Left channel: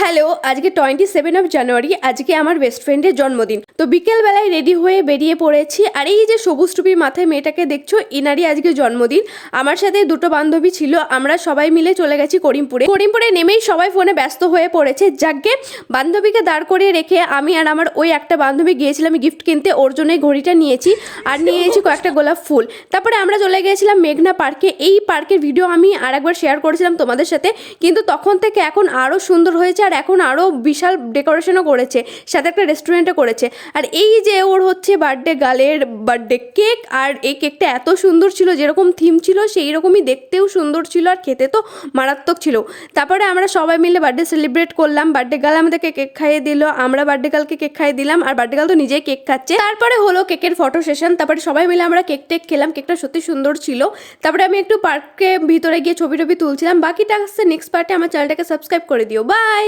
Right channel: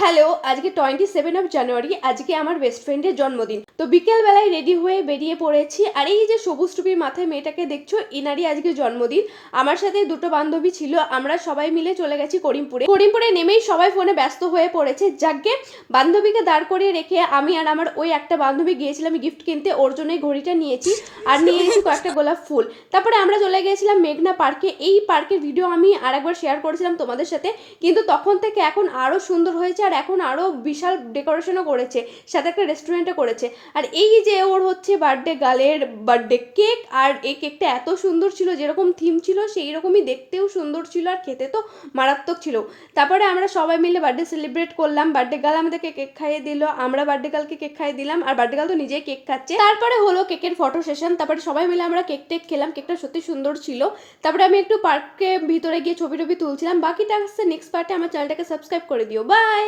Hello, আজকে 27 জানুয়ারি। আজকে আমার বেস্ট ফ্রেন্ডের জন্মদিন। তো বিকেলবেলায় রেডি হয়ে বেরিয়ে পড়েছি। আর এই যে সবুজ টুপির মাথায় মেয়েটাকে দেখছো, এনারই আজকে জন্মদিন। আমার সাথে দুটো বান্ধবী ছিল, আমরা সবাই মিলে চলে গেছি করিমপুরে নেমেই সবাই ফোনে ব্যস্ত হয়ে পড়েছে। যাকে বান্ধবীকে দাঁড় করিয়ে রেখে আমি আর আমার ওই একটা বান্ধবী গিয়েছিলাম গিফট কিনতে। ওর জন্য ঘড়িটা নিয়েছি আর নিয়েছি কয়েকটা গোলাপ ফুল। তারপরে আমরা চলে গিয়েছিলাম মেঘনা পার্কে। এই পার্কের ভিডিও আমি আর একবার শেয়ার করেছিলাম তোমাদের সাথে, কিন্তু তখন থেকে এখন আরও সুন্দর হয়েছে আর এখন আরও বিশাল ডেকোরেশনও করেছে, সাথে একটা রেস্টুরেন্টও করেছে। আর এই যে ওর হচ্ছে বার্থডে গার্লের বার্থডে কেক, আর এই কেকটা এত সুন্দর ছিল, যেরকম থিম ছিল সেই রকমই দেখতেও সুন্দর ছিল আর খেতে তো মারাত্মক ছিল। তারপরে আমরা সবাই মিলে বার্থডে সেলিব্রেট করলাম। বার্থডে গার্ল আমাদেরকে কেক খাইয়ে দিল, আমরা বার্থডে গার্লকে কেক খাইয়ে দিলাম, আর বার্থডে গার্ল তো নিজেই কেক খাচ্ছে। তারপরে হলো কেকের ফটো সেশন। তারপরে সবাই মিলে আমরা কেক টেক খেলাম, কেকটা সত্যি সুন্দর ছিল। তারপরে আমি একটু পার্কে ভিতরে গিয়ে ছবি টবি তুলছিলাম। বাকিটা আসছে নেক্সট পার্টে। আমার চ্যানেলটাকে সাবস্ক্রাইব করে দিও। বাই।